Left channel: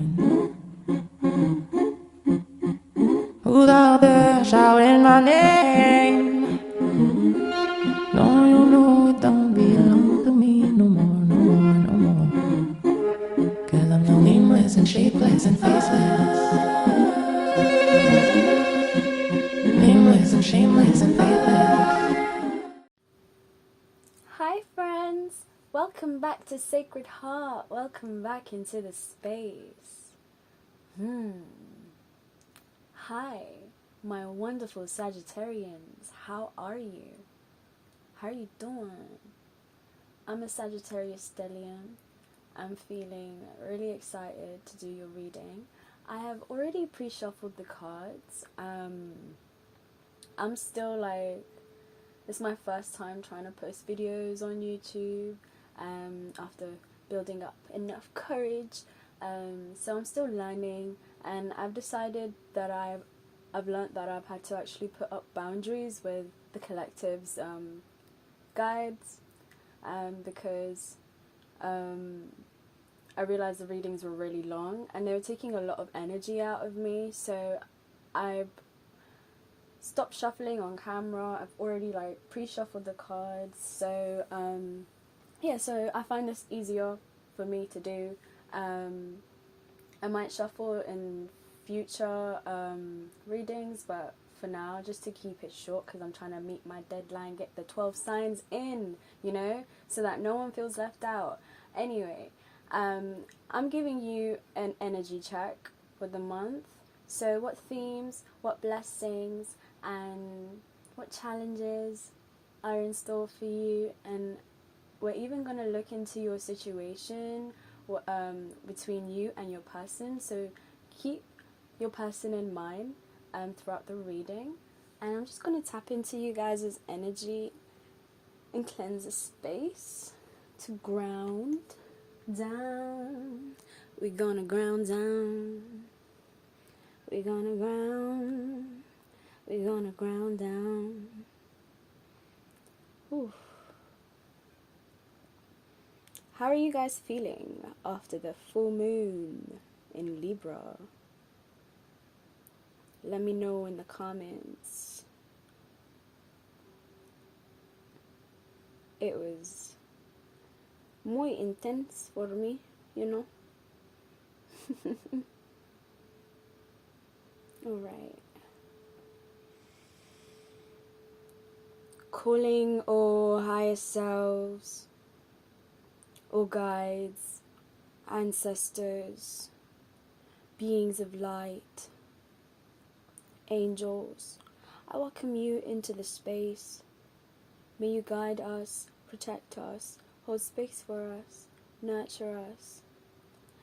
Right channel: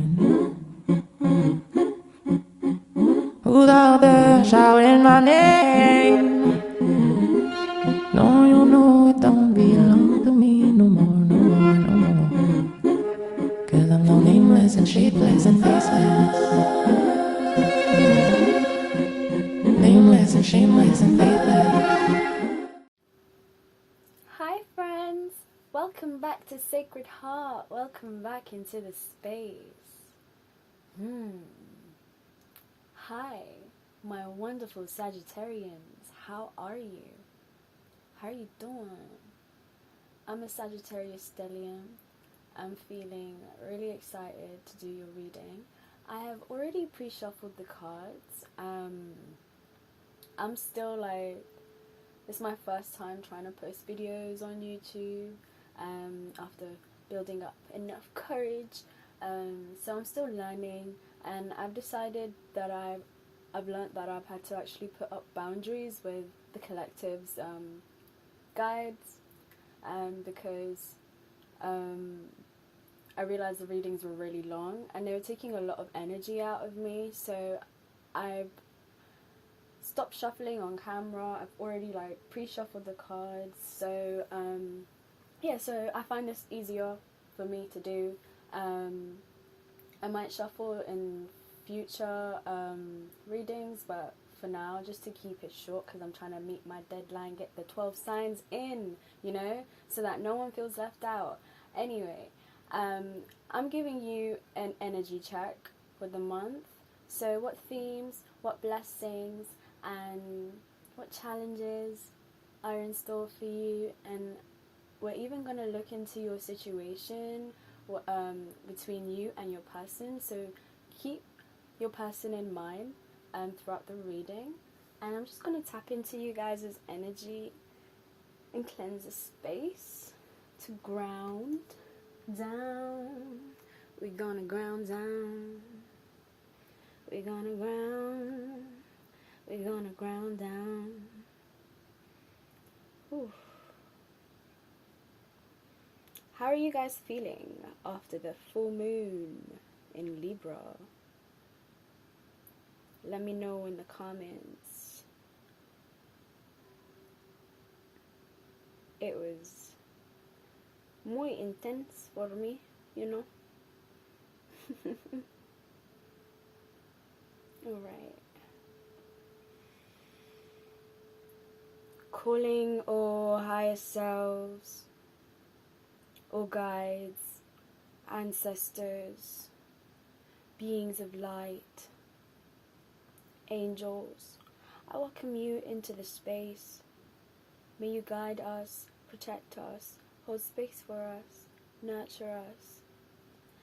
Who's out there shouting my name? No, you know it don't belong to me no more, no more, no more. 'Cause I'm no nameless and shapeless and faceless. Nameless and shameless and faithless. Hi friends, welcome back to Sacred Heart. Welcome back into the space. Hi, my wonderful Sagittarians. How are you? How are you doing? I'm a Sagittarius stellium. I'm feeling really excited to do your reading. I have already pre-shuffled the cards. I'm still this is my first time trying to post videos on YouTube after building up enough courage. So I'm still learning, and I've decided that I've learned that I've had to actually put up boundaries with the collective's guides, because I realized the readings were really long and they were taking a lot of energy out of me. So I've stopped shuffling on camera. I've already pre-shuffled the cards. So so I find this easier for me to do. I might shuffle in future readings, but for now, just to keep it short, because I'm trying to meet my deadline, get the 12 signs in, so that no one feels left out. Anyway, I'm giving you an energy check for the month. So what themes, what blessings, and what challenges are in store for you, and we're even going to look into your situation between you and your person, so keep your person in mind throughout the reading. And I'm just going to tap into you guys' energy and cleanse the space to ground down. We're gonna ground down. We're gonna ground. We're gonna ground down. Oof. How are you guys feeling after the full moon in Libra? Let me know in the comments. It was muy intense for me, Alright. Calling all higher selves, all guides, ancestors, beings of light, angels, I welcome you into the space. May you guide us, protect us, hold space for us, nurture us,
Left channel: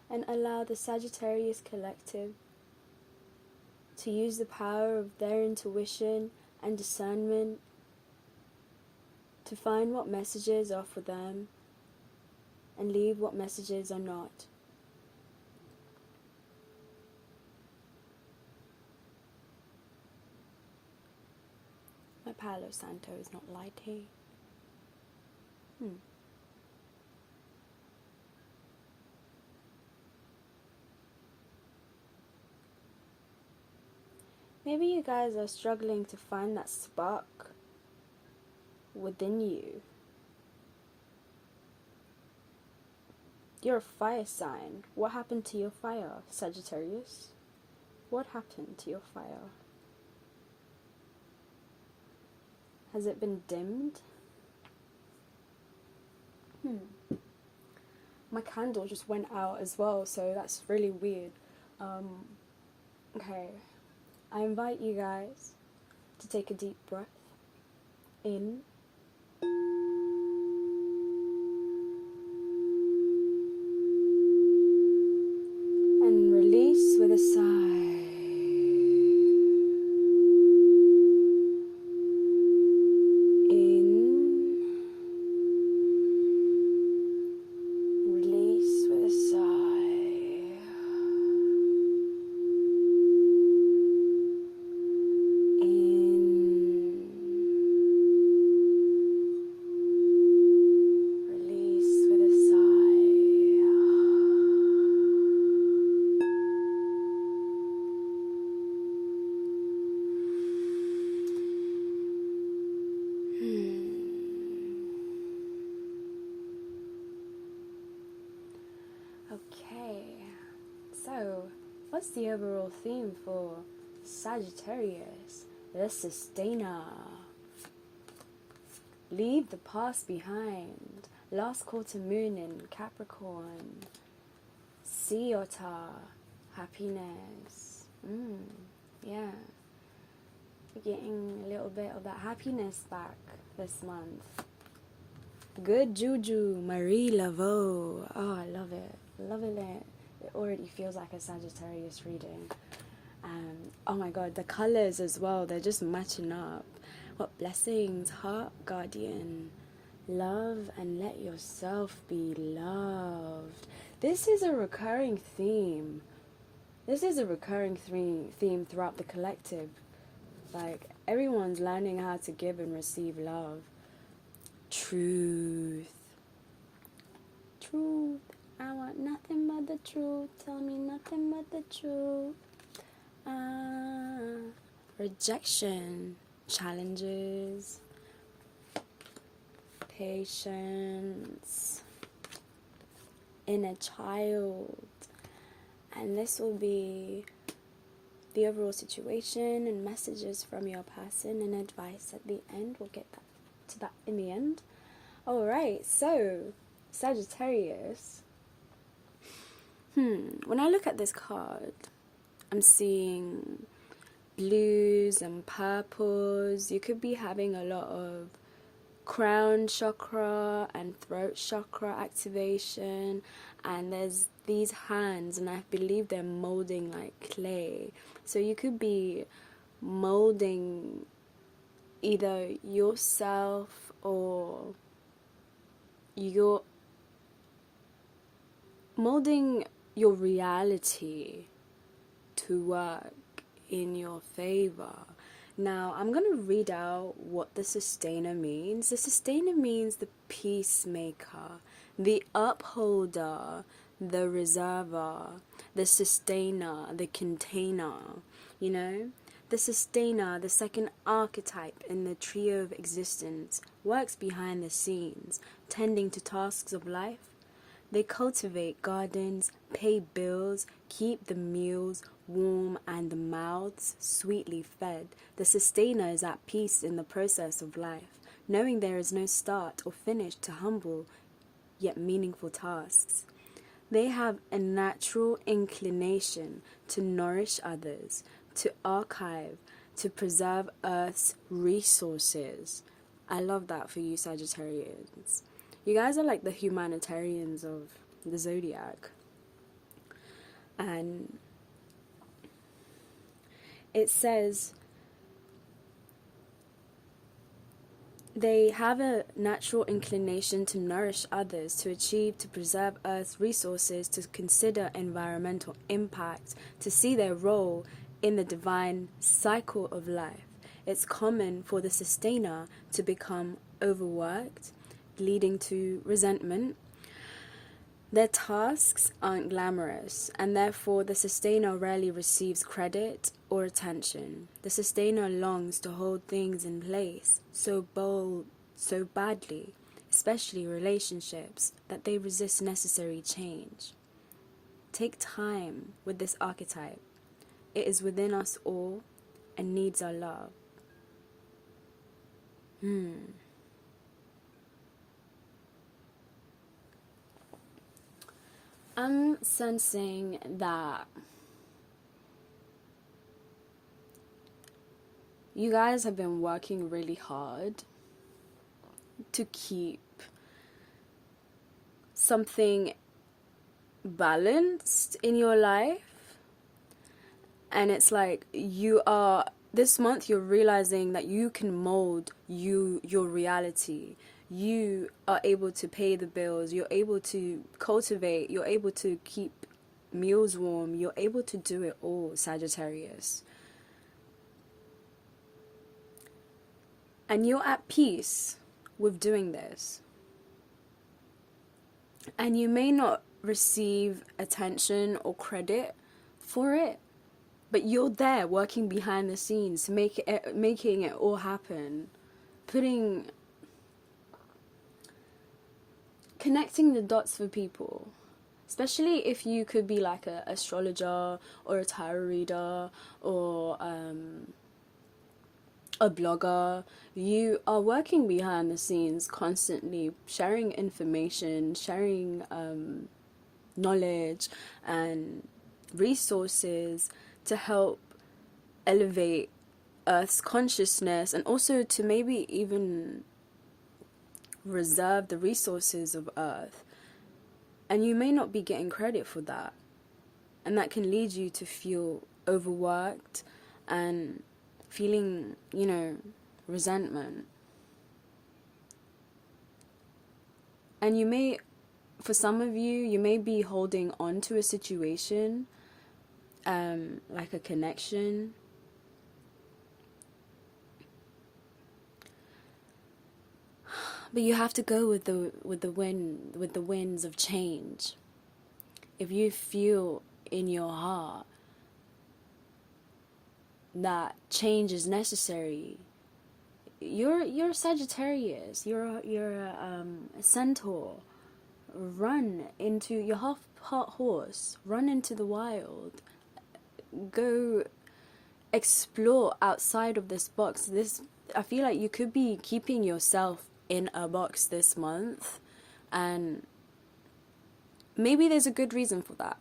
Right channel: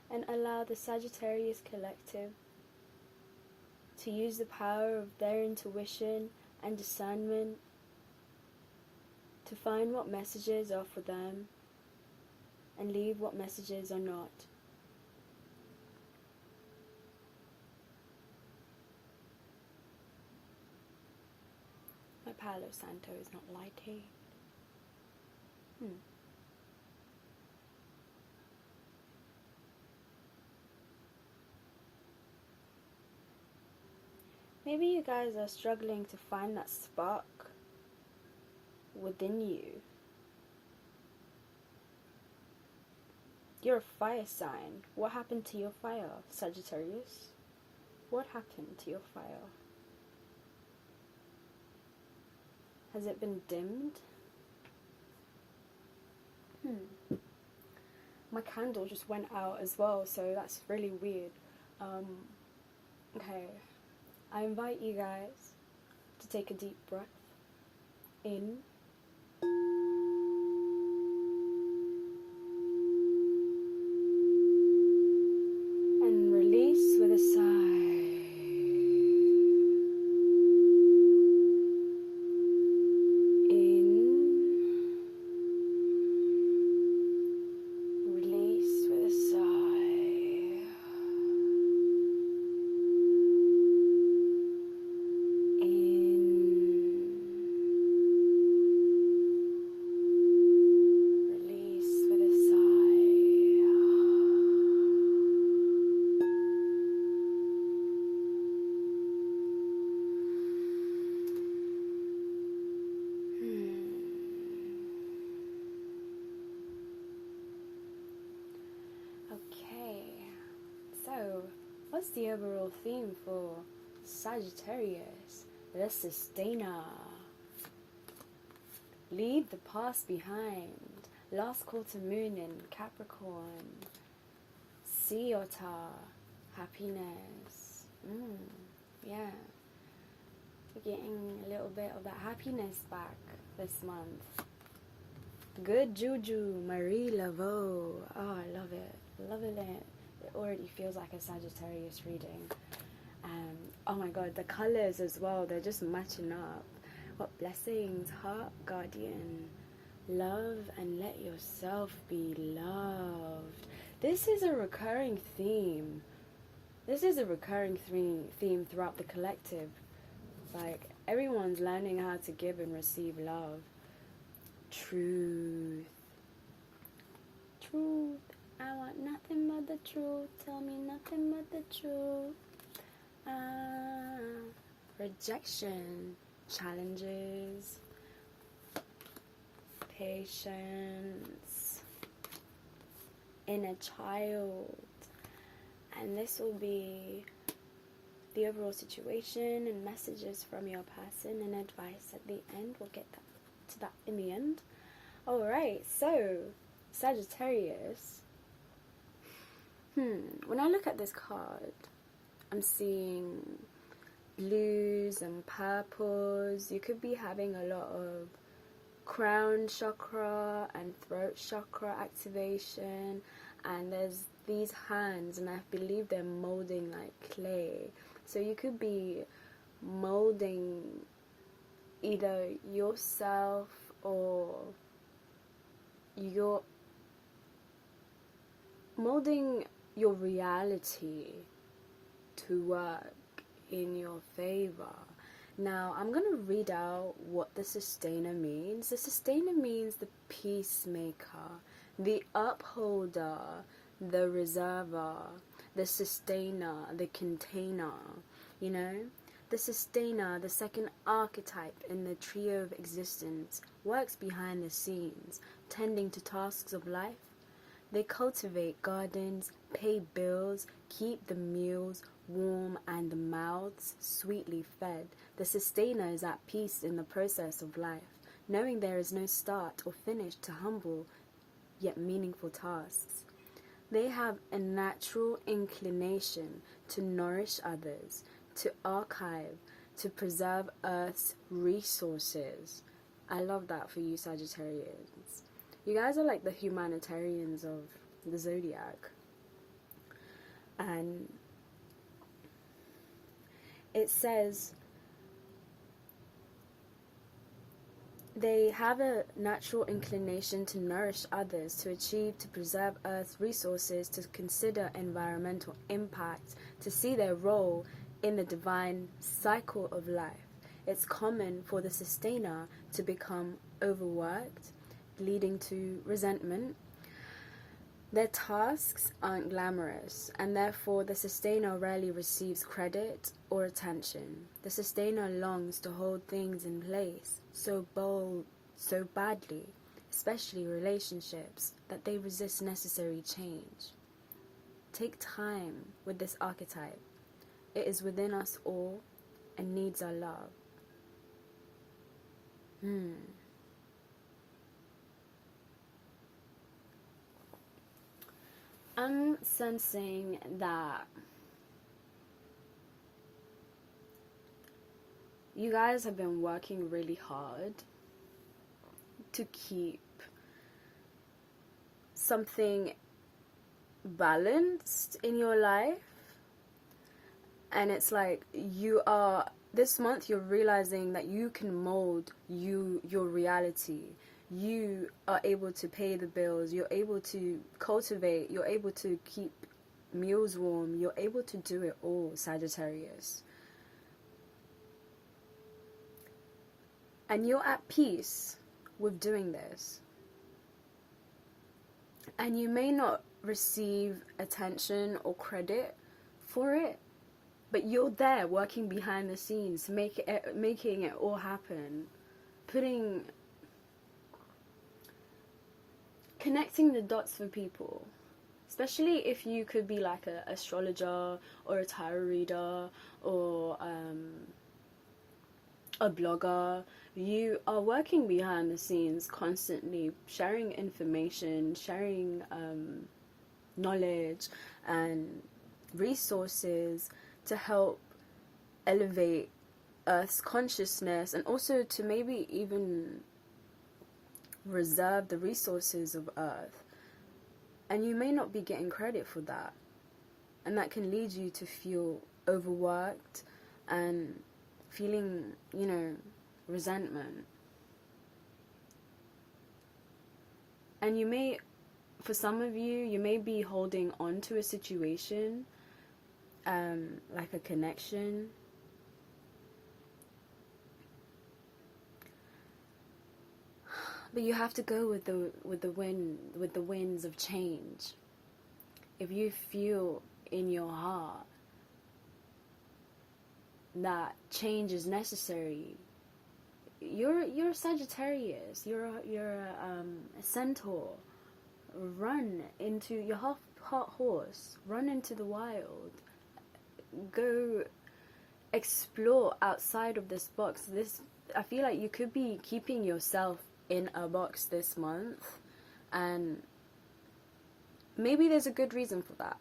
and allow the Sagittarius collective to use the power of their intuition and discernment to find what messages are for them and leave what messages are not. My Palo Santo is not lighting. Maybe you guys are struggling to find that spark within you. You're a fire sign. What happened to your fire, Sagittarius? What happened to your fire? Has it been dimmed? My candle just went out as well, so that's really weird. Okay. I invite you guys to take a deep breath in and release with a sigh. In, release with a sigh. In, So, what's the overall theme for Sagittarius? The sustainer. Leave the past behind. Last quarter moon in Capricorn. Sea otter. Happiness. Yeah. We're getting a little bit of that happiness back this month. Good juju. Marie Laveau. Oh, I love it. Loving it. It already feels like a Sagittarius reading. Oh my god, the colors as well, they're just matching up. What blessings. Heart guardian. Love and let yourself be loved. This is a recurring theme. This is a recurring theme throughout the collective. Like, everyone's learning how to give and receive love. Truth. Truth. I want nothing but the truth. Tell me nothing but the truth. Rejection. Challenges. Patience. Inner child. And this will be the overall situation and messages from your person and advice at the end. We'll get to that in the end. Alright, so Sagittarius. When I look at this card, I'm seeing blues and purples. You could be having a lot of crown chakra and throat chakra activation, and there's these hands, and I believe they're molding like clay. So you could be molding either yourself or you're molding your reality to work in your favor. Now, I'm going to read out what the sustainer means. The sustainer means the peacemaker, the upholder, the reserver, the sustainer, the container, you know? The sustainer, the second archetype in the trio of existence, works behind the scenes, tending to tasks of life. They cultivate gardens, pay bills, keep the meals warm and the mouths sweetly fed. The sustainer is at peace in the process of life, knowing there is no start or finish to humble yet meaningful tasks. They have a natural inclination to nourish others, to archive, to preserve Earth's resources. I love that for you, Sagittarians. You guys are like the humanitarians of the zodiac. And it says they have a natural inclination to nourish others, to achieve, to preserve Earth's resources, to consider environmental impact, to see their role in the divine cycle of life. It's common for the sustainer to become overworked, leading to resentment. Their tasks aren't glamorous, and therefore the sustainer rarely receives credit or attention. The sustainer longs to hold things in place so badly, especially relationships, that they resist necessary change. Take time with this archetype. It is within us all and needs our love. I'm sensing that you guys have been working really hard to keep something balanced in your life, and it's like this month you're realizing that you can mold your reality. You are able to pay the bills, you're able to cultivate, you're able to keep meals warm, you're able to do it all, Sagittarius. And you're at peace with doing this. And you may not receive attention or credit for it, but you're there working behind the scenes, making it all happen, connecting the dots for people. especially if you could be like a astrologer or a tarot reader or a blogger. You are working behind the scenes constantly, sharing information, sharing knowledge and resources to help elevate Earth's consciousness, and also to maybe even reserve the resources of Earth. And you may not be getting credit for that, and that can lead you to feel overworked and feeling, you know, resentment. And you may, for some of you, you may be holding on to a situation, like a connection, but you have to go with the winds of change. If you feel in your heart that change is necessary, you're Sagittarius, you're a centaur. Run into your half-part horse, run into the wild, go explore outside of this box. I feel like you could be keeping yourself in a box this month, and maybe there's a good reason for that.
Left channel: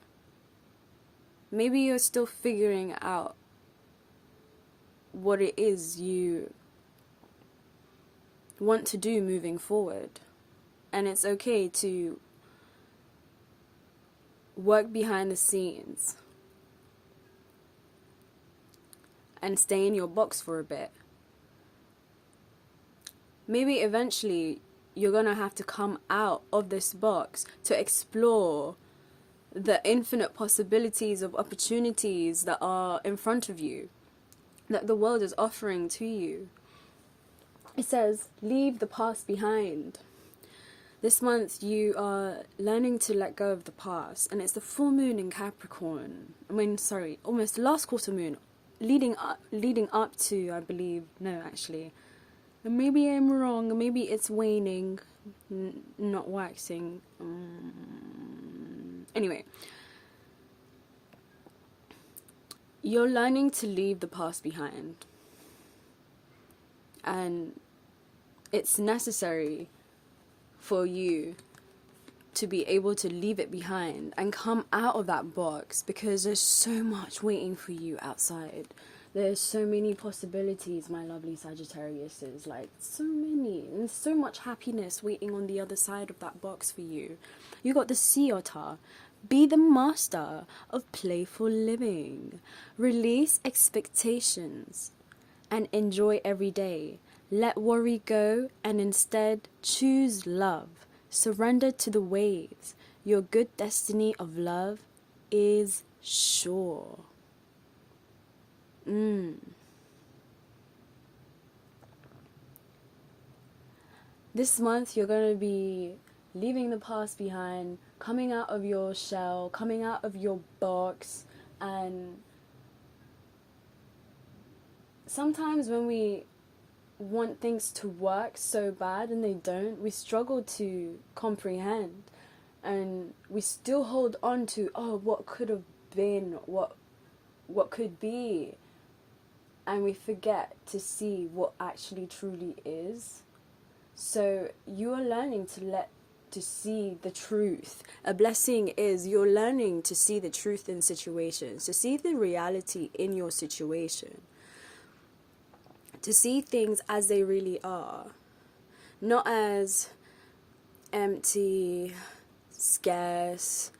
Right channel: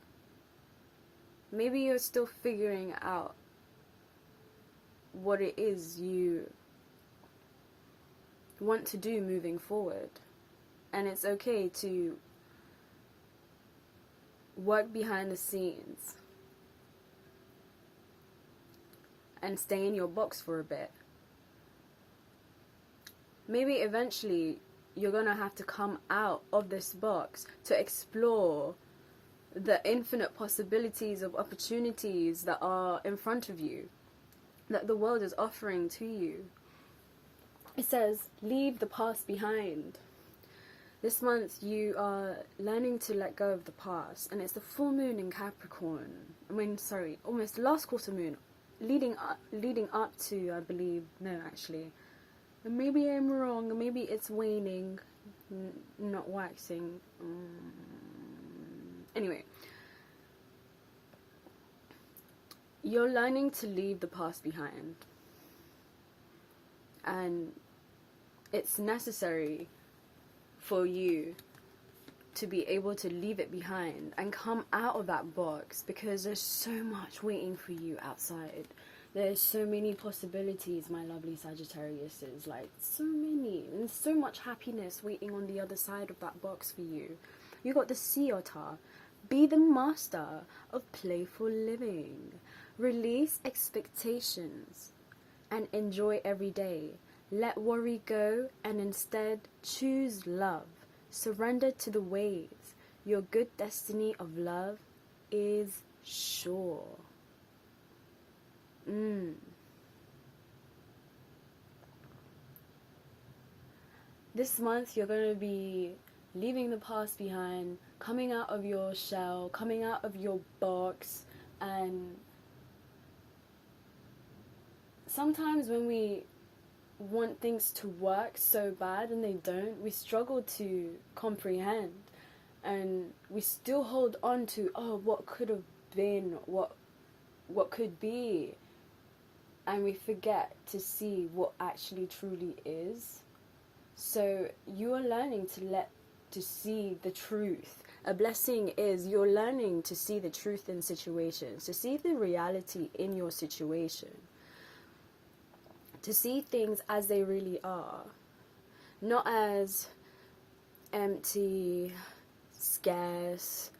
Maybe you're still figuring out what it is you want to do moving forward, and it's okay to work behind the scenes and stay in your box for a bit. Maybe eventually you're gonna have to come out of this box to explore the infinite possibilities of opportunities that are in front of you, that the world is offering to you. It says, leave the past behind. This month you are learning to let go of the past, and it's the full moon in Capricorn. Almost last quarter moon, leading up to, I believe, no, actually, maybe I'm wrong, maybe it's waning, not waxing. Anyway, you're learning to leave the past behind, and it's necessary for you to be able to leave it behind and come out of that box, because there's so much waiting for you outside. There's so many possibilities, my lovely Sagittariuses, like so many, and so much happiness waiting on the other side of that box for you. You got the sea otter. Be the master of playful living. Release expectations and enjoy every day. Let worry go and instead choose love. Surrender to the waves. Your good destiny of love is sure. This month you're going to be leaving the past behind, coming out of your shell, coming out of your box. And sometimes when we want things to work so bad and they don't, we struggle to comprehend, and we still hold on to, oh, what could have been, what could be, and we forget to see what actually truly is. So you are learning to see the truth. A blessing is you're learning to see the truth in situations, to see the reality in your situation, to see things as they really are, not as empty, scarce,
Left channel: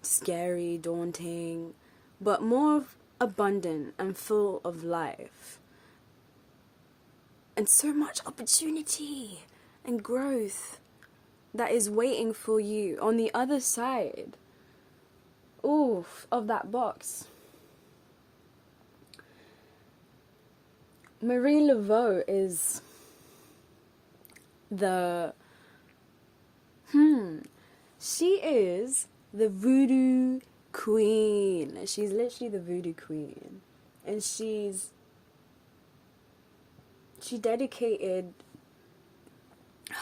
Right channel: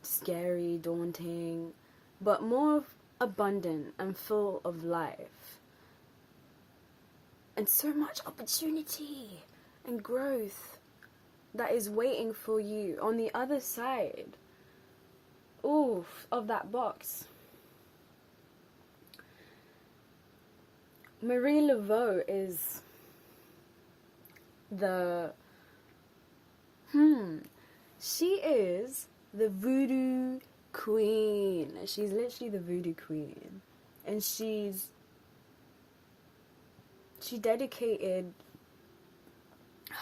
scary, daunting, but more abundant and full of life, and so much opportunity and growth that is waiting for you on the other side of that box. Marie Laveau is she is the voodoo queen. She's literally the voodoo queen, and she dedicated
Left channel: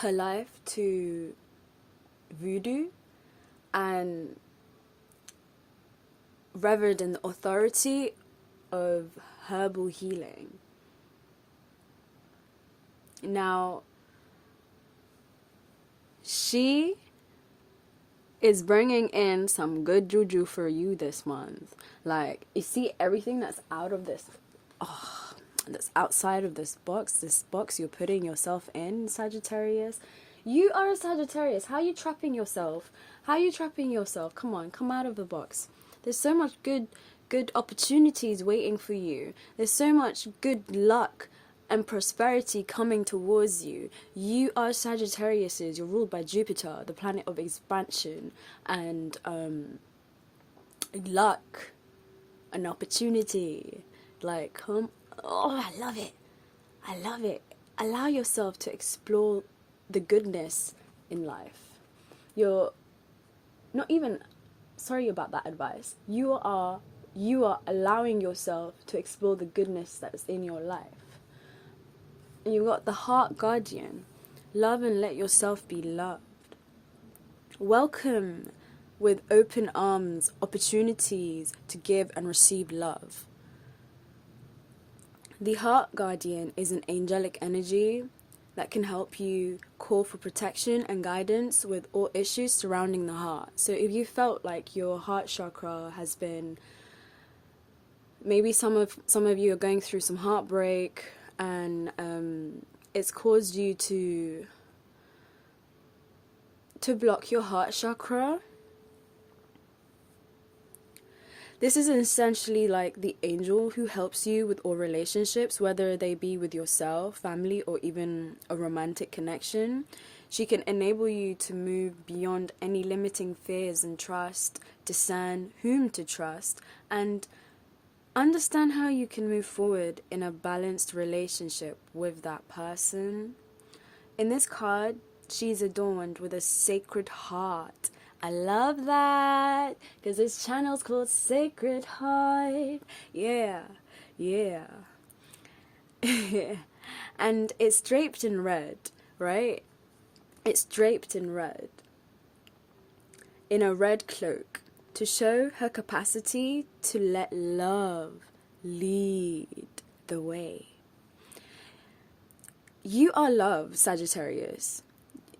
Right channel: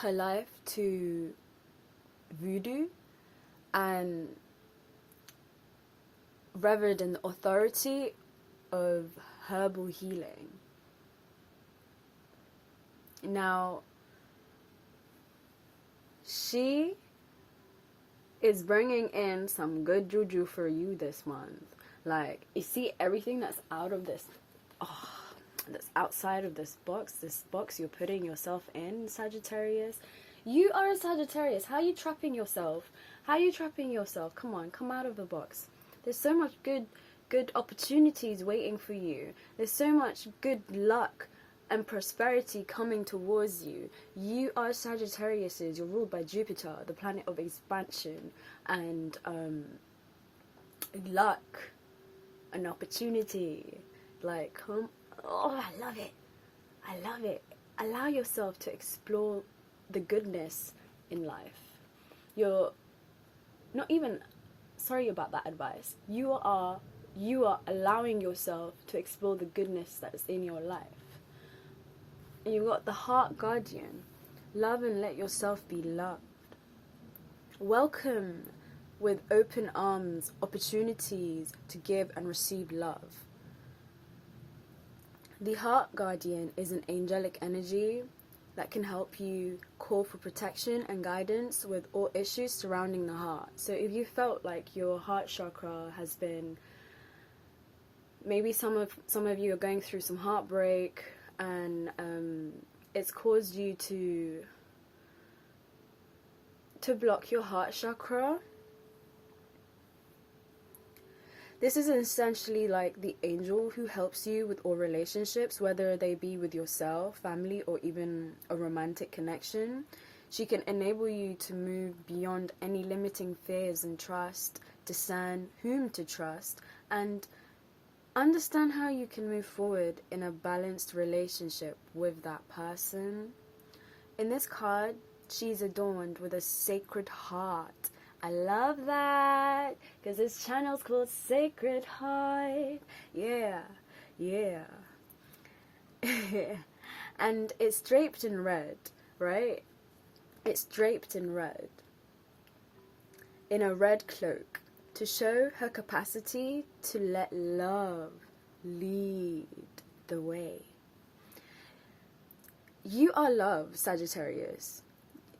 her life to voodoo and revered in the authority of herbal healing. Now, she is bringing in some good juju for you this month. Like, you see everything that's out of this, that's outside of this box you're putting yourself in, Sagittarius. You are a Sagittarius. How are you trapping yourself? Come on, come out of the box. There's so much good opportunities waiting for you. There's so much good luck and prosperity coming towards you. You are Sagittariuses. You're ruled by Jupiter, the planet of expansion and luck and opportunity. Like, I love it. Allow yourself to explore the goodness in life. You're not even sorry about that advice. You are allowing yourself to explore the goodness that is in your life. And you've got the heart guardian. Love and let yourself be loved. Welcome with open arms opportunities to give and receive love. The heart guardian is an angelic energy that can help you call for protection and guidance with all issues surrounding the heart. So if you felt like your heart chakra has been, maybe some of you are going through some heartbreak, and it's caused you to block your heart chakra. This is essentially like the angel who helps you with all relationships, whether they be with yourself, family, or even a romantic connection. She can enable you to move beyond any limiting fears and trust, discern whom to trust, and understand how you can move forward in a balanced relationship with that person. In this card, she's adorned with a sacred heart. I love that, because this channel's called Sacred Heart. Yeah. And it's draped in red, right? It's draped in red, in a red cloak, to show her capacity to let love lead the way. You are love, Sagittarius.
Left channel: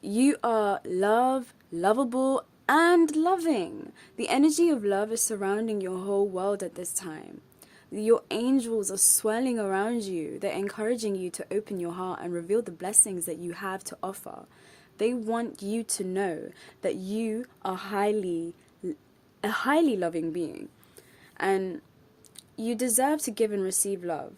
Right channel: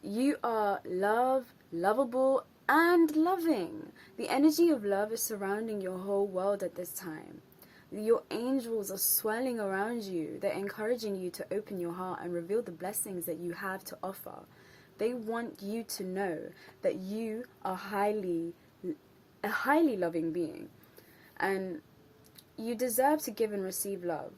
You are love, lovable, and loving. The energy of love is surrounding your whole world at this time. Your angels are swirling around you. They're encouraging you to open your heart and reveal the blessings that you have to offer. They want you to know that you are a highly loving being, and you deserve to give and receive love.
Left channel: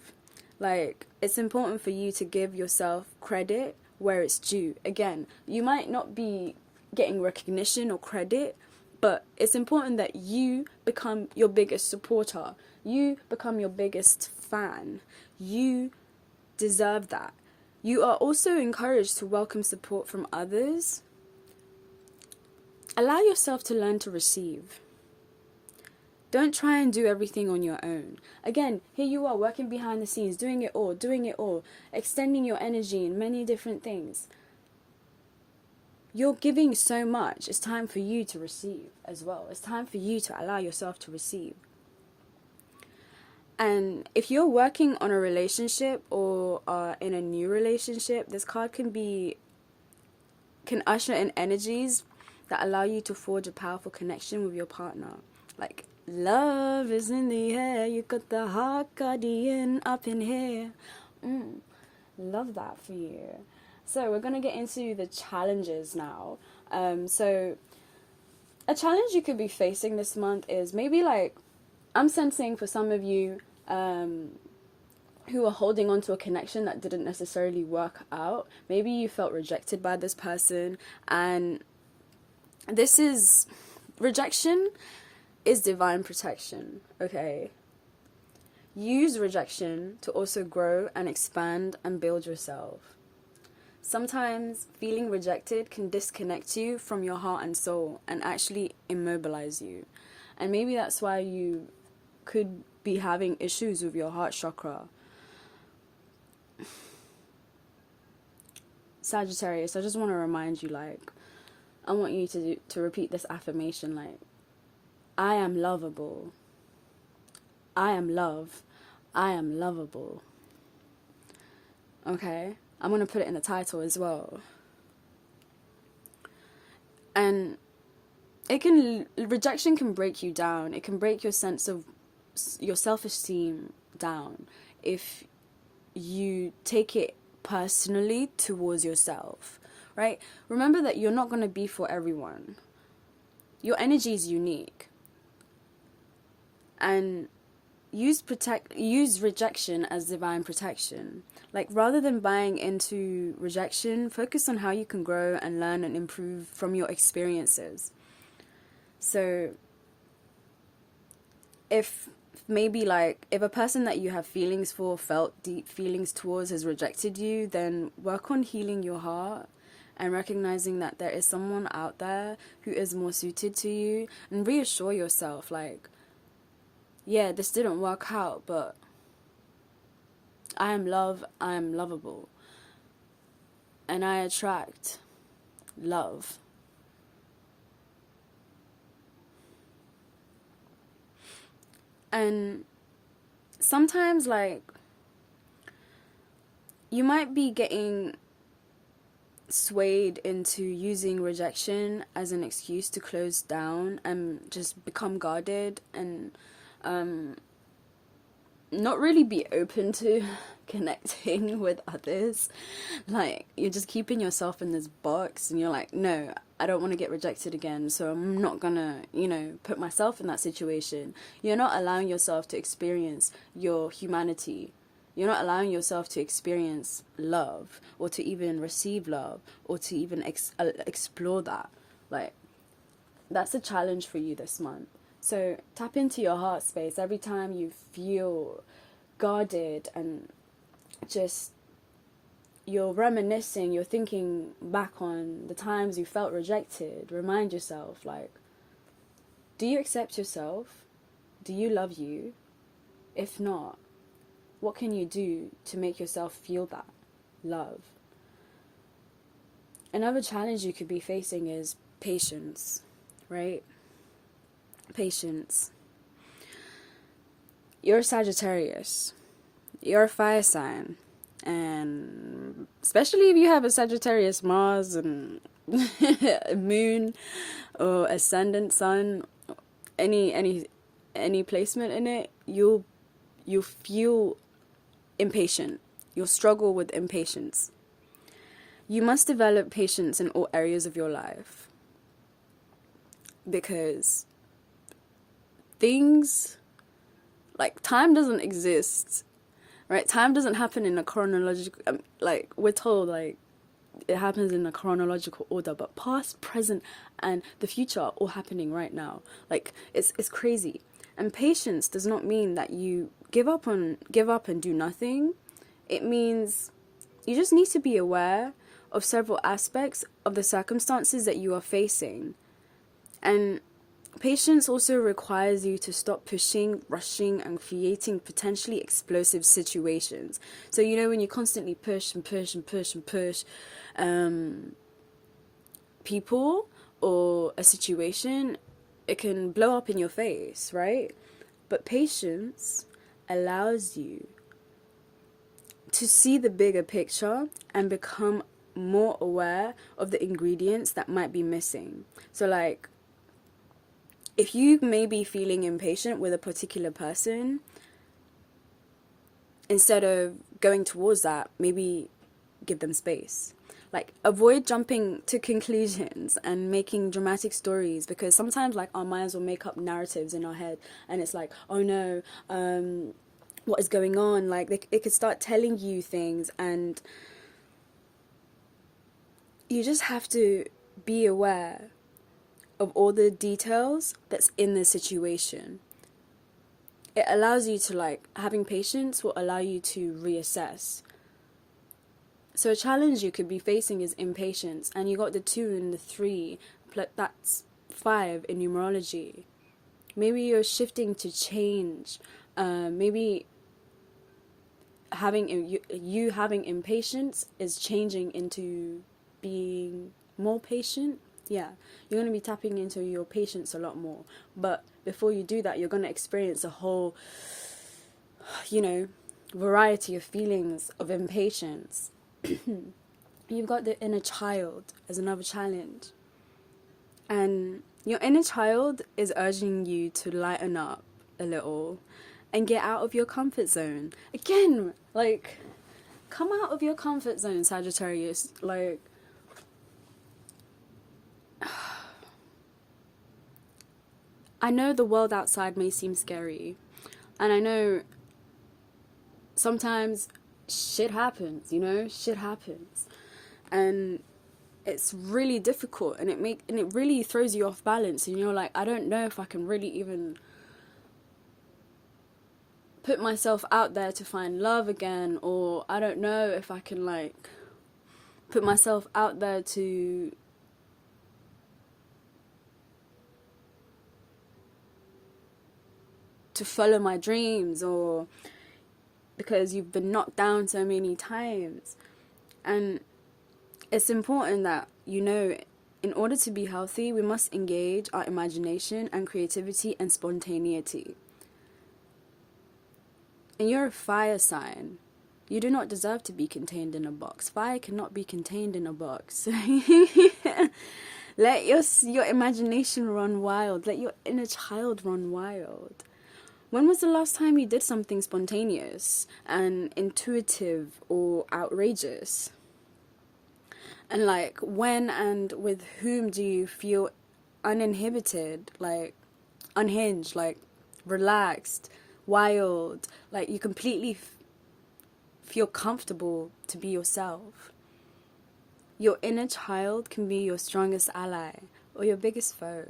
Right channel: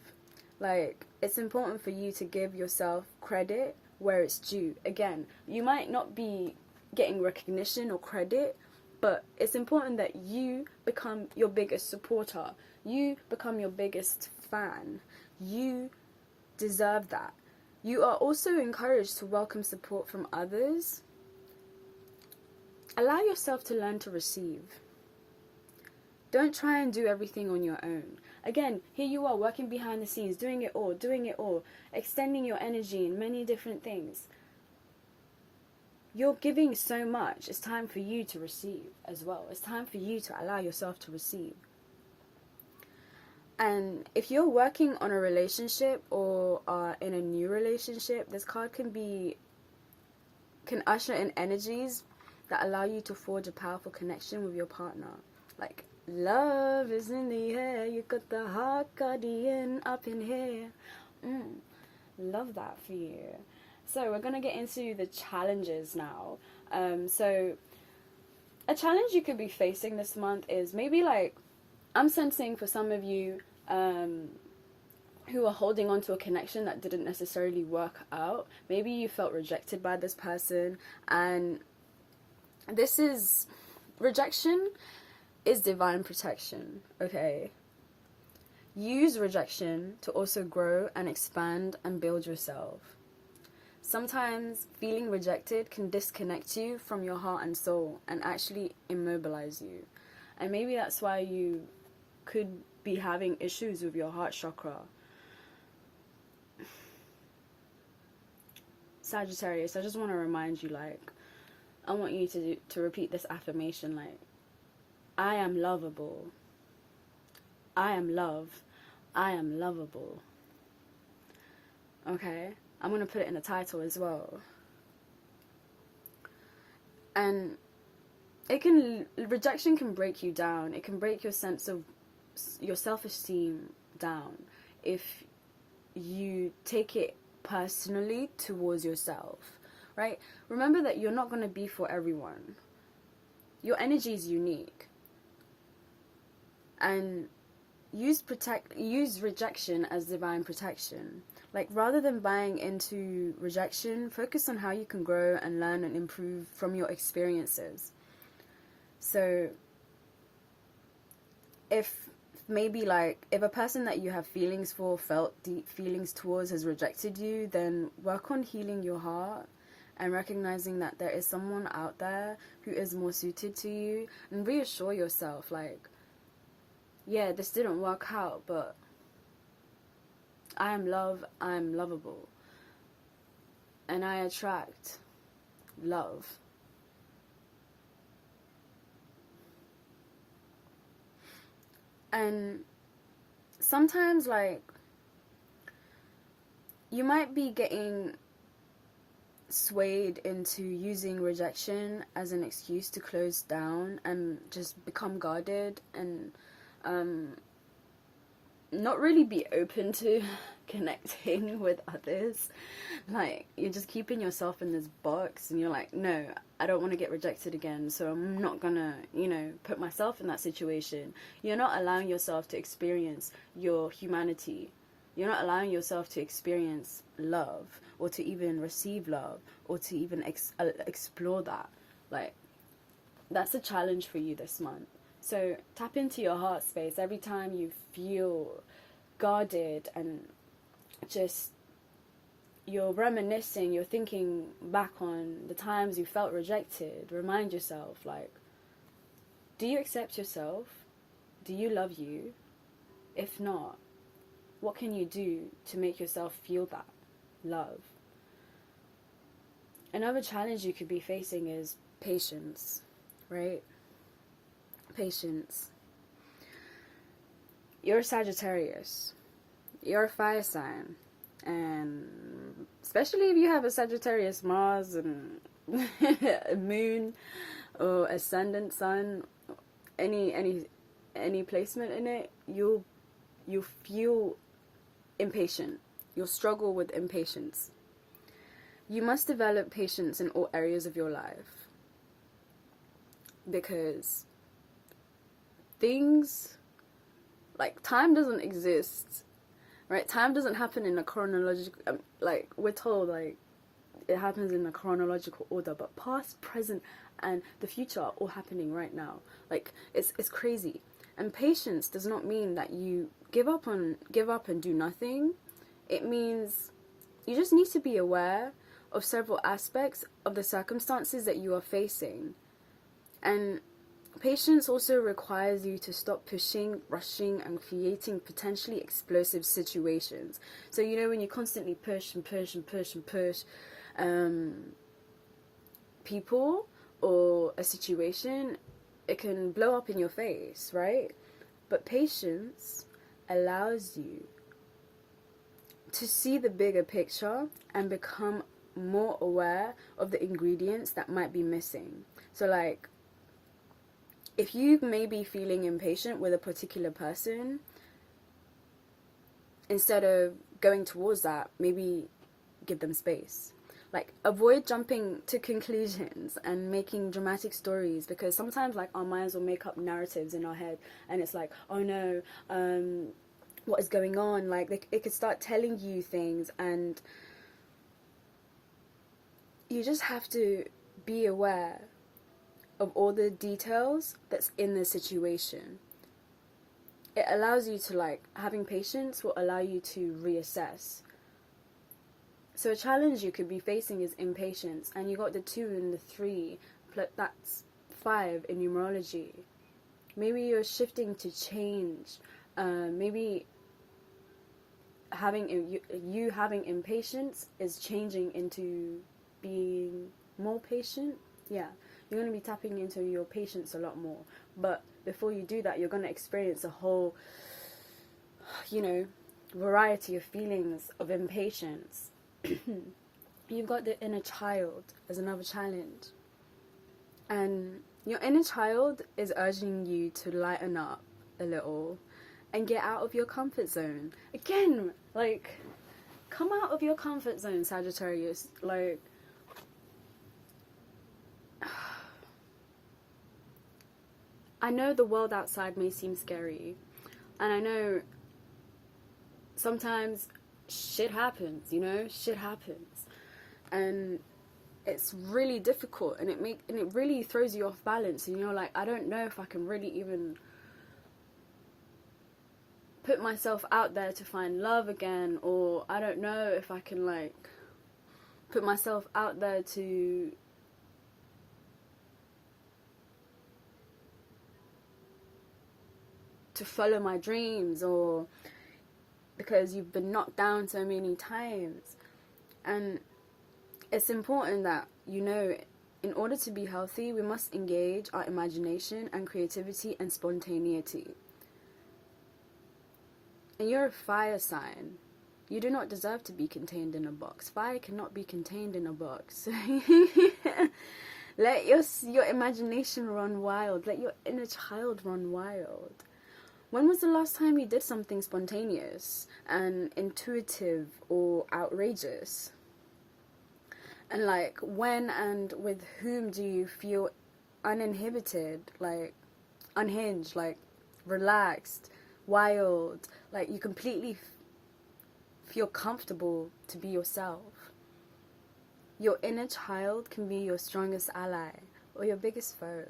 Like, it's important for you to give yourself credit where it's due. Again, you might not be getting recognition or credit, but it's important that you become your biggest supporter. You become your biggest fan. You deserve that. You are also encouraged to welcome support from others. Allow yourself to learn to receive. Don't try and do everything on your own. Again, here you are working behind the scenes, doing it all, extending your energy in many different things. You're giving so much. It's time for you to receive as well. It's time for you to allow yourself to receive. And if you're working on a relationship or are in a new relationship, this card can usher in energies that allow you to forge a powerful connection with your partner. Like, love is in the air. You got the heart guardian up in here. Love that for you. So we're going to get into the challenges now. So a challenge you could be facing this month is maybe, like, I'm sensing for some of you who are holding on to a connection that didn't necessarily work out. Maybe you felt rejected by this person, and rejection is divine protection, okay? Use rejection to also grow and expand and build yourself. Sometimes feeling rejected can disconnect you from your heart and soul and actually immobilize you. And maybe that's why you could be having issues with your heart chakra. Sagittarius, I just want to remind you, like, I want you to repeat this affirmation like, I am lovable. I am love. I am lovable. Okay? I'm going to put it in the title as well. And rejection can break you down. It can break your sense of your self-esteem down if you take it personally towards yourself, right? Remember that you're not going to be for everyone. Your energy is unique. And use rejection as divine protection. Like, rather than buying into rejection, focus on how you can grow and learn and improve from your experiences. So if maybe like if a person that you have feelings for, felt deep feelings towards, has rejected you, then work on healing your heart and recognizing that there is someone out there who is more suited to you, and reassure yourself like, yeah, this didn't work out, but I am love, I am lovable, and I attract love. And sometimes, like, you might be getting swayed into using rejection as an excuse to close down and just become guarded and not really be open to connecting with others. Like, you're just keeping yourself in this box and you're like, no, I don't want to get rejected again, so I'm not gonna, put myself in that situation. You're not allowing yourself to experience your humanity. You're not allowing yourself to experience love, or to even receive love, or to even explore that. Like, that's a challenge for you this month. So tap into your heart space every time you feel guarded and just you're reminiscing, you're thinking back on the times you felt rejected. Remind yourself, like, do you accept yourself? Do you love you? If not, what can you do to make yourself feel that love? Another challenge you could be facing is patience, right? Patience. You're a Sagittarius. You're a fire sign. And especially if you have a Sagittarius Mars and moon or ascendant sun, any placement in it, you'll feel impatient. You'll struggle with impatience. You must develop patience in all areas of your life, because things like time doesn't exist, right? Time doesn't happen in a chronological, like we're told, like it happens in a chronological order, but past, present, and the future are all happening right now. Like it's crazy. And patience does not mean that you give up and do nothing. It means you just need to be aware of several aspects of the circumstances that you are facing. And patience also requires you to stop pushing, rushing, and creating potentially explosive situations. So, when you constantly push and push and push and push people or a situation, it can blow up in your face, right? But patience allows you to see the bigger picture and become more aware of the ingredients that might be missing. So, like, if you may be feeling impatient with a particular person, instead of going towards that, maybe give them space. Like, avoid jumping to conclusions and making dramatic stories, because sometimes, like, our minds will make up narratives in our head, and it's like, oh no, what is going on? Like, it could start telling you things, and you just have to be aware of all the details that's in the situation. It allows you to, like, having patience will allow you to reassess. So a challenge you could be facing is impatience, and you got the 2 and the 3, that's 5 in numerology. Maybe you're shifting to change. Maybe having having impatience is changing into being more patient Yeah, you're going to be tapping into your patience a lot more. But before you do that, you're going to experience a whole, you know, variety of feelings of impatience. You've got the inner child as another challenge. And your inner child is urging you to lighten up a little and get out of your comfort zone. Again, like, come out of your comfort zone, Sagittarius. Like, I know the world outside may seem scary. And I know sometimes shit happens, you know? Shit happens. And it's really difficult, and it really throws you off balance, and you're like, I don't know if I can really even put myself out there to find love again, or I don't know if I can like put myself out there to follow my dreams, or because you've been knocked down so many times. And it's important that, you know, in order to be healthy, we must engage our imagination and creativity and spontaneity. And you're a fire sign. You do not deserve to be contained in a box. Fire cannot be contained in a box. Let your imagination run wild. Let your inner child run wild. When was the last time you did something spontaneous and intuitive or outrageous? And like, when and with whom do you feel uninhibited, like unhinged, like relaxed, wild, like you completely feel comfortable to be yourself? Your inner child can be your strongest ally or your biggest foe.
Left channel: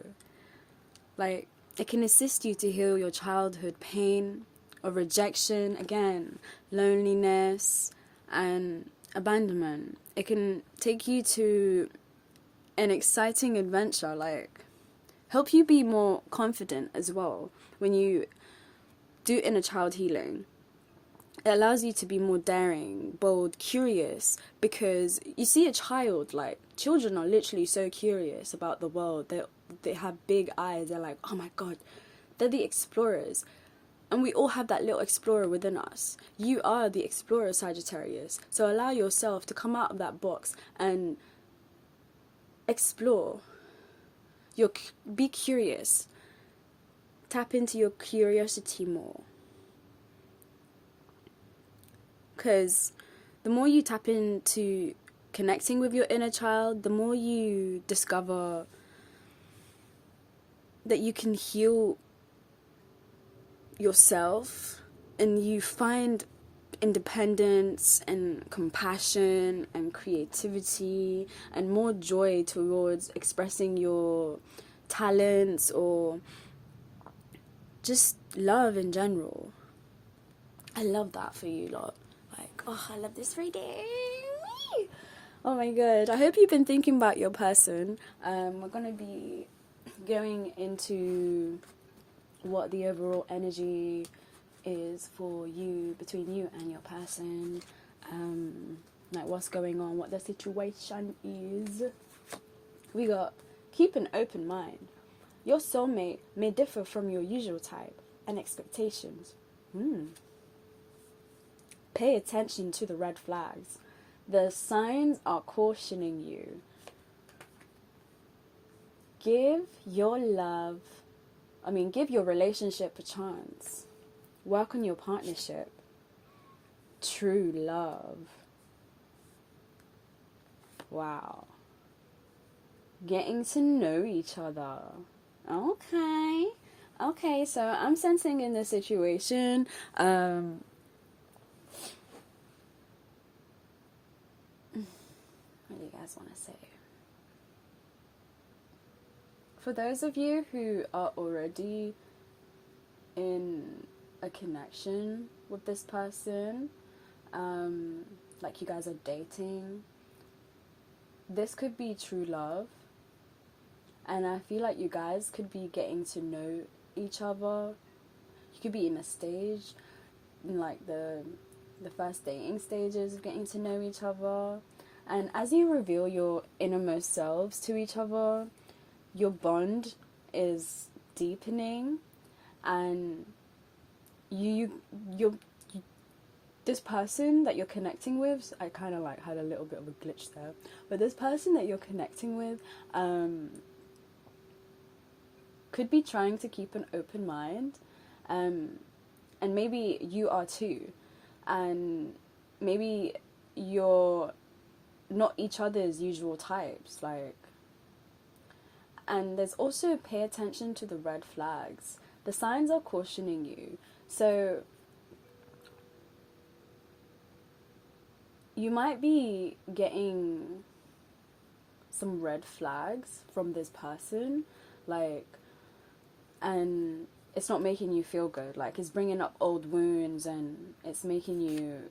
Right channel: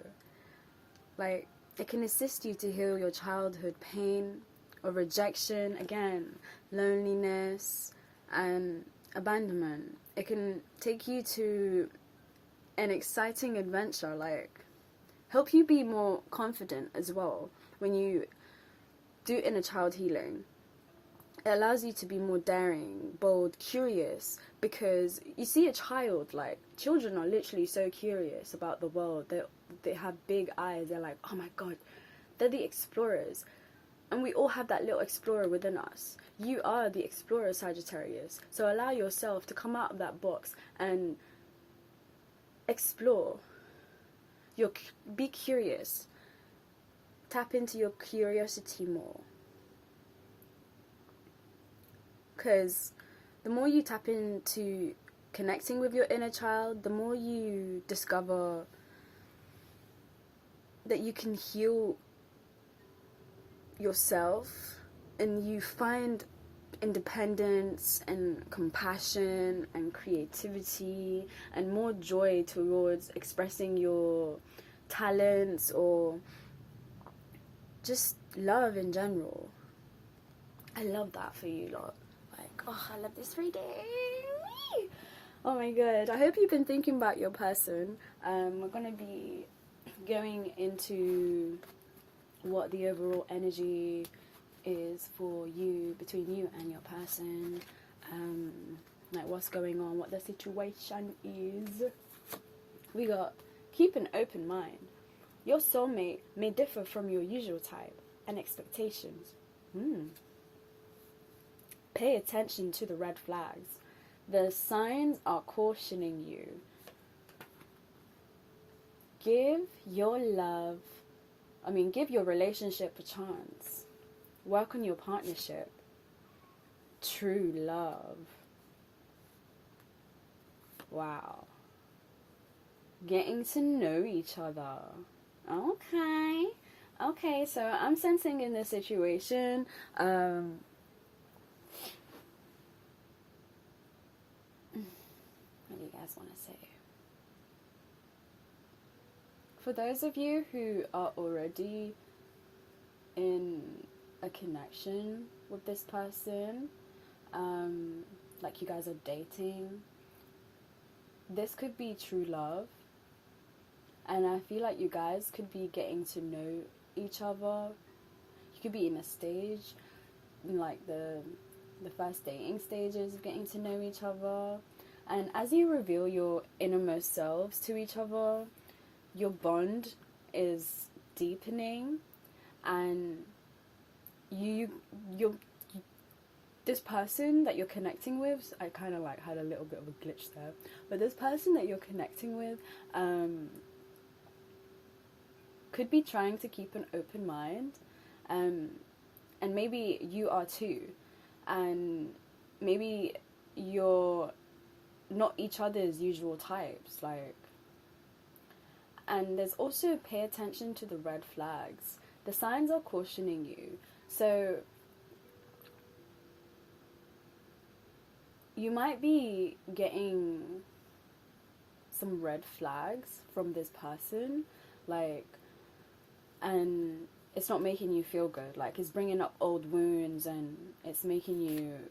Like, it can assist you to heal your childhood pain or rejection, again, loneliness and abandonment. It can take you to an exciting adventure, like help you be more confident as well when you do inner child healing. It allows you to be more daring, bold, curious, because you see a child, like, children are literally so curious about the world. They have big eyes. They're like, oh my god, they're the explorers. And we all have that little explorer within us. You are the explorer, Sagittarius. So allow yourself to come out of that box and explore. Be curious. Tap into your curiosity more. Because the more you tap into connecting with your inner child, the more you discover that you can heal yourself, and you find independence and compassion and creativity and more joy towards expressing your talents or just love in general. I love that for you lot. Like, oh, I love this reading. Oh my god. I hope you've been thinking about your person. We're going to be going into what the overall energy is for you, between you and your person, like what's going on, what the situation is. We got keep an open mind. Your soulmate may differ from your usual type and expectations. Pay attention to the red flags. The signs are cautioning you. Give your relationship a chance. Work on your partnership. True love. Wow. Getting to know each other. Okay, so I'm sensing in this situation, what do you guys want to say? For those of you who are already in a connection with this person, like you guys are dating, this could be true love. And I feel like you guys could be getting to know each other. You could be in a stage, in like the first dating stages of getting to know each other. And as you reveal your innermost selves to each other, your bond is deepening, and you this person that you're connecting with, I kind of like had a little bit of a glitch there, but this person that you're connecting with could be trying to keep an open mind, and maybe you are too, and maybe you're not each other's usual types, like. And there's also pay attention to the red flags. The signs are cautioning you. So you might be getting some red flags from this person, like, and it's not making you feel good. Like, it's bringing up old wounds, and it's making you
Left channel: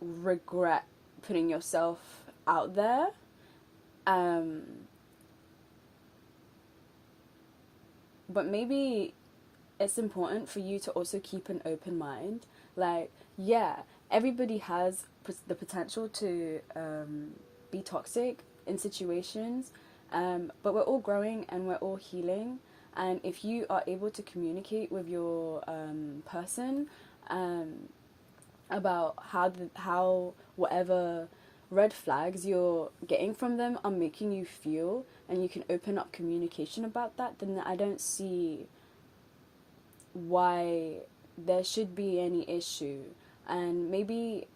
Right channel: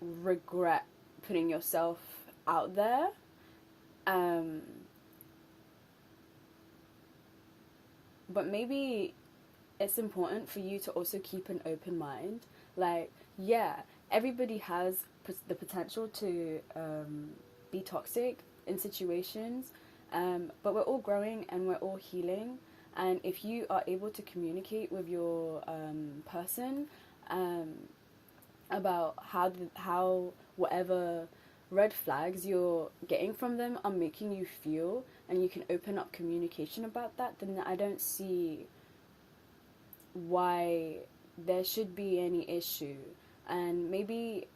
regret putting yourself out there. But maybe it's important for you to also keep an open mind. Like, yeah, everybody has the potential to be toxic in situations, but we're all growing and we're all healing. And if you are able to communicate with your person about how whatever red flags you're getting from them are making you feel, and you can open up communication about that, then I don't see why there should be any issue. And maybe,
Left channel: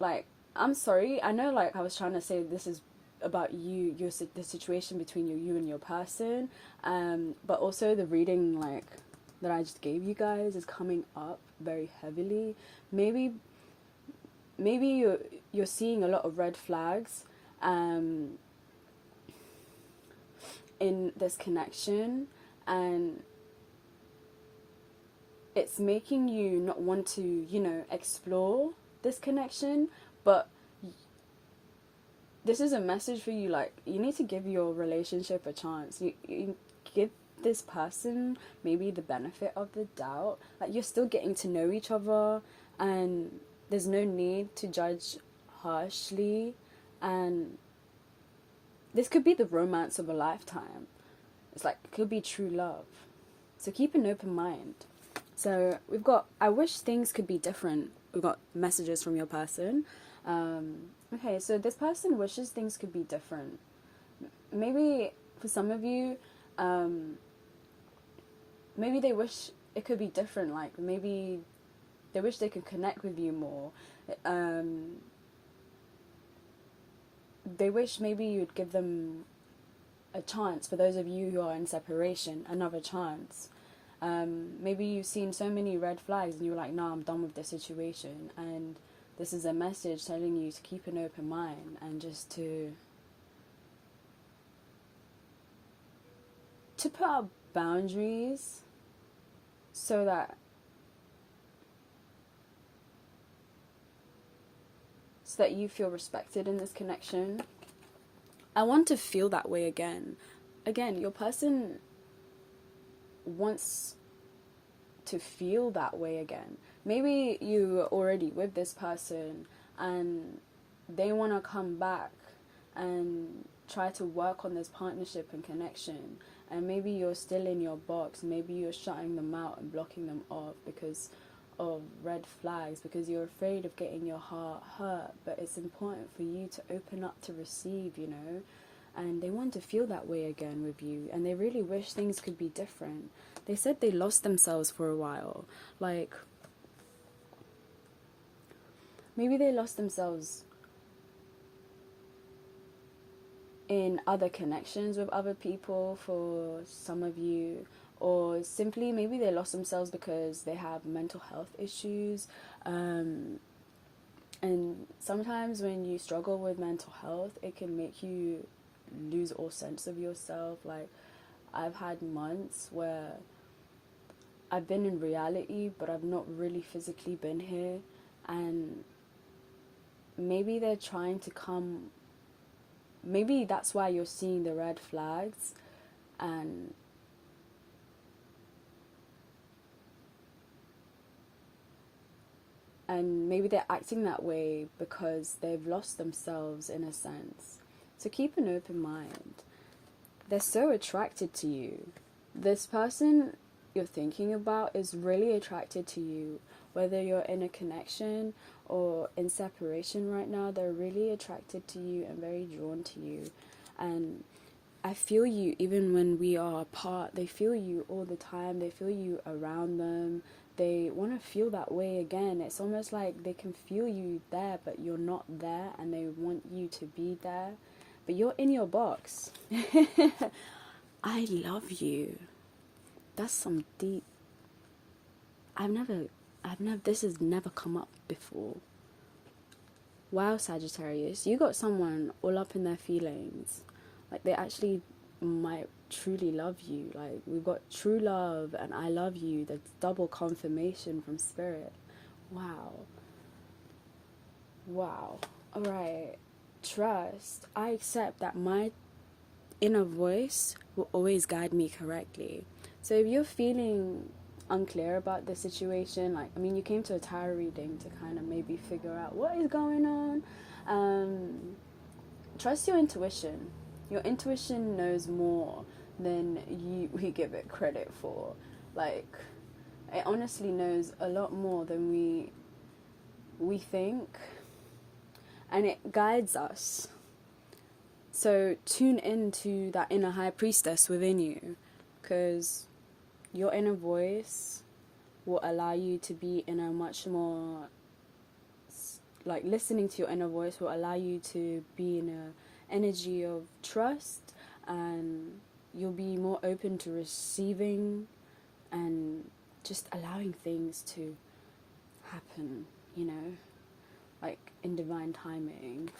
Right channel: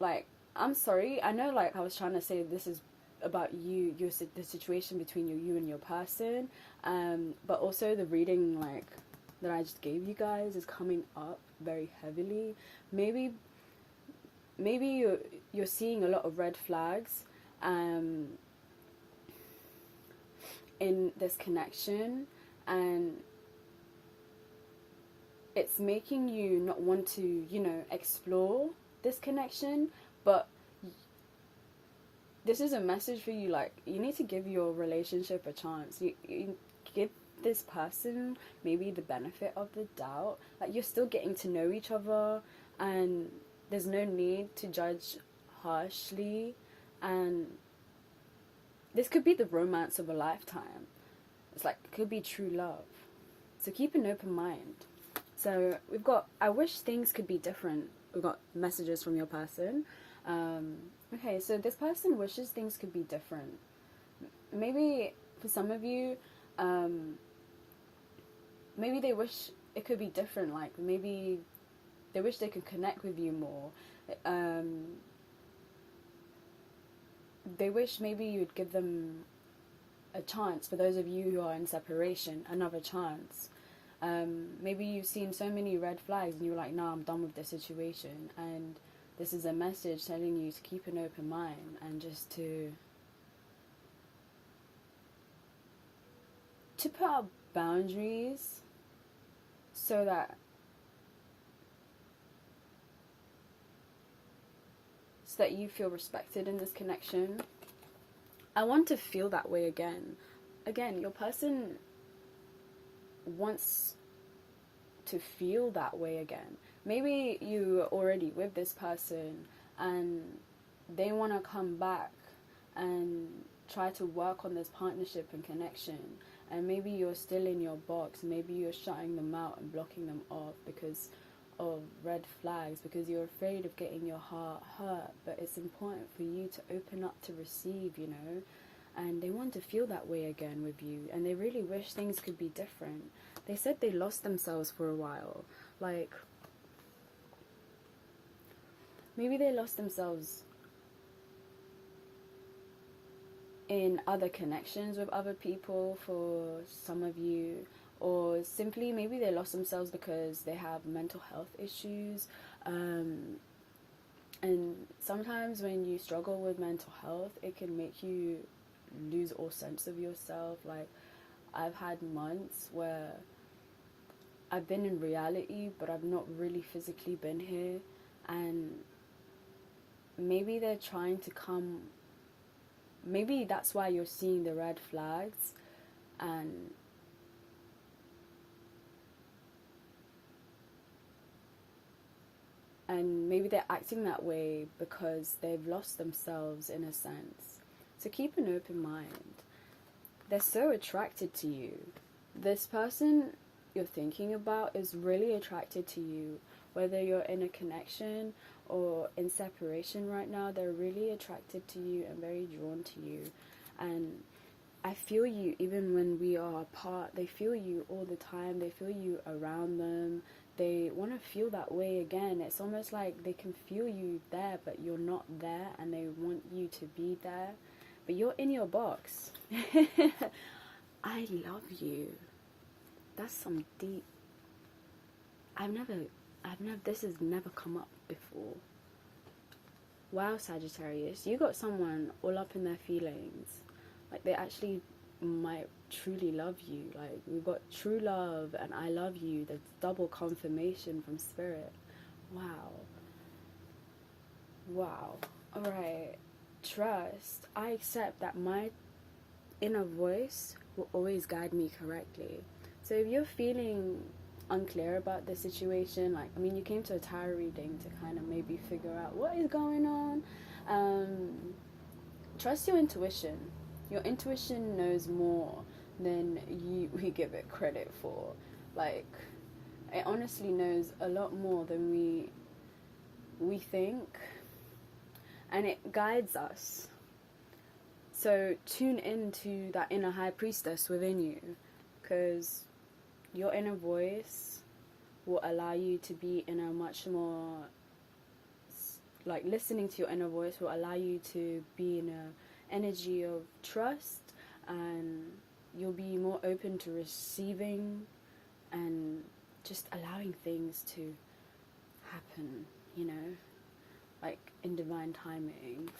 like, I'm sorry, I know, like, I was trying to say this is about you, the situation between you and your person, but also the reading, like, that I just gave you guys is coming up very heavily. Maybe you're seeing a lot of red flags in this connection, and it's making you not want to, explore this connection. But this is a message for you, like, you need to give your relationship a chance. You give this person maybe the benefit of the doubt. Like, you're still getting to know each other, and there's no need to judge harshly, and this could be the romance of a lifetime. It's like, it could be true love. So keep an open mind. So we've got, I wish things could be different. We've got messages from your person. Okay, so this person wishes things could be different. Maybe for some of you, maybe they wish it could be different. Like, maybe they wish they could connect with you more. They wish maybe you'd give them a chance. For those of you who are in separation, another chance. Maybe you've seen so many red flags and you're like, no, I'm done with this situation. And this is a message telling you to keep an open mind and just to put up boundaries so that you feel respected in this connection. I want to feel that way again. Again, your person wants to feel that way again. Maybe you're already with this person and they want to come back and try to work on this partnership and connection, and maybe you're still in your box. Maybe you're shutting them out and blocking them off because of red flags, because you're afraid of getting your heart hurt. But it's important for you to open up to receive, and they want to feel that way again with you, and they really wish things could be different. They said they lost themselves for a while. Like, maybe they lost themselves in other connections with other people for some of you, or simply maybe they lost themselves because they have mental health issues. And sometimes when you struggle with mental health, it can make you lose all sense of yourself. Like, I've had months where I've been in reality, but I've not really physically been here, and maybe they're trying to come. Maybe that's why you're seeing the red flags, and and maybe they're acting that way because they've lost themselves in a sense. So keep an open mind. They're so attracted to you. This person you're thinking about is really attracted to you. Whether you're in a connection or in separation right now, they're really attracted to you and very drawn to you. And I feel you even when we are apart. They feel you all the time. They feel you around them. They want to feel that way again. It's almost like they can feel you there, but you're not there, and they want you to be there. But you're in your box. I love you. That's some deep. This has never come up before. Wow, Sagittarius, you got someone all up in their feelings. Like, they actually might truly love you. Like, we've got true love and I love you. That's double confirmation from spirit. Wow. Alright. Trust. I accept that my inner voice will always guide me correctly. So if you're feeling unclear about the situation, like, I mean, you came to a tarot reading to kind of maybe figure out what is going on, trust your intuition. Your intuition knows more than we give it credit for. Like, it honestly knows a lot more than we think, and it guides us. So tune into that inner high priestess within you, because your inner voice will allow you to be in a much more, like, listening to your inner voice will allow you to be in a energy of trust, and you'll be more open to receiving and just allowing things to happen, you know, like in divine timing.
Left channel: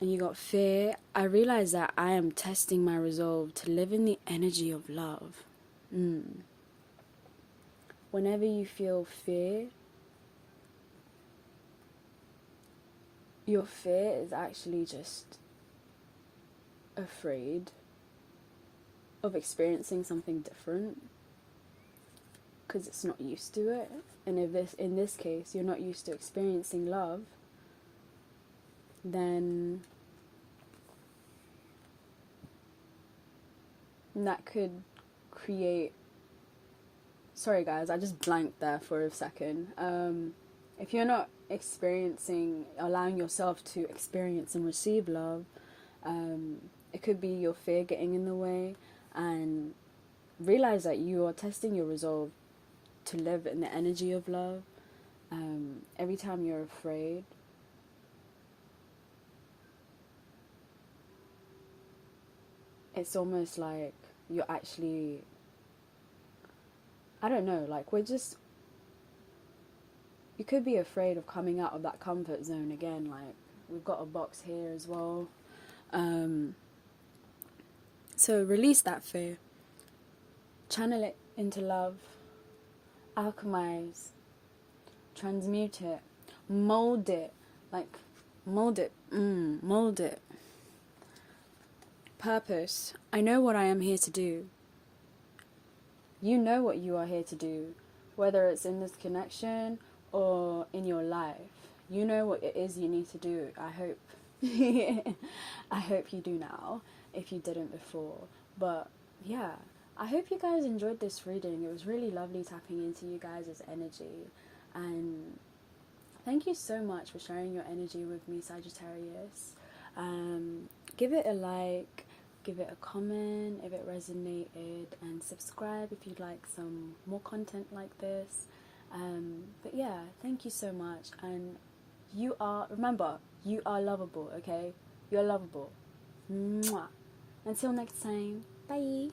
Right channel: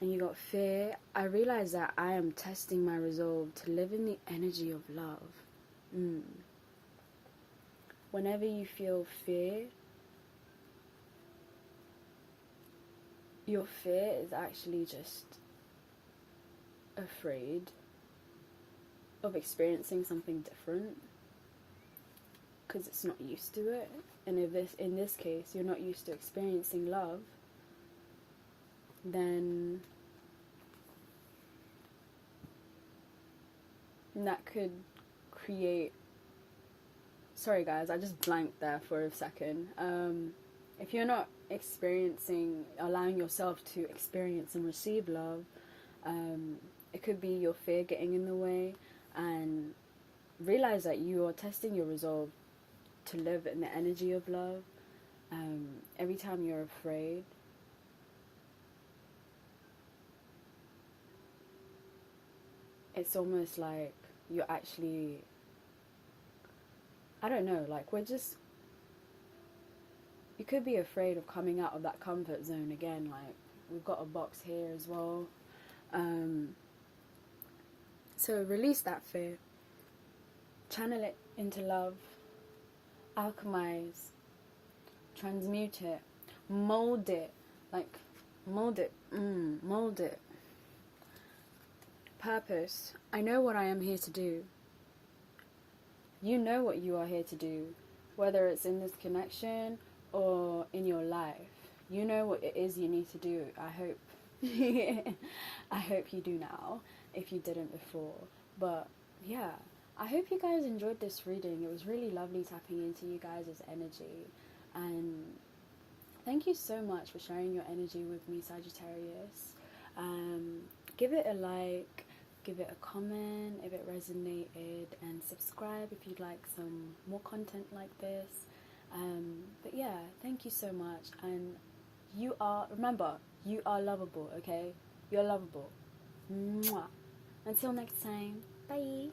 And you got fear. I realize that I am testing my resolve to live in the energy of love. Whenever you feel fear, your fear is actually just afraid of experiencing something different, because it's not used to it. And if in this case you're not used to experiencing love, then that could create, sorry guys, I just blanked there for a second. If you're not allowing yourself to experience and receive love, it could be your fear getting in the way. And realize that you are testing your resolve to live in the energy of love. Every time you're afraid, it's almost like you're actually, I don't know, like, you could be afraid of coming out of that comfort zone again. Like, we've got a box here as well. So release that fear. Channel it into love. Alchemize. Transmute it. Mold it. Like, mold it. Mold it. Purpose. I know what I am here to do. You know what you are here to do. Whether it's in this connection or in your life, you know what it is you need to do. I hope I hope you do now, if you didn't before. But yeah, I hope you guys enjoyed this reading. It was really lovely tapping into you guys' energy, and thank you so much for sharing your energy with me, Sagittarius. Give it a like, give it a comment if it resonated, and subscribe if you'd like some more content like this. But yeah, thank you so much. And remember, you are lovable, okay? You're lovable. Mwah. Until next time, bye.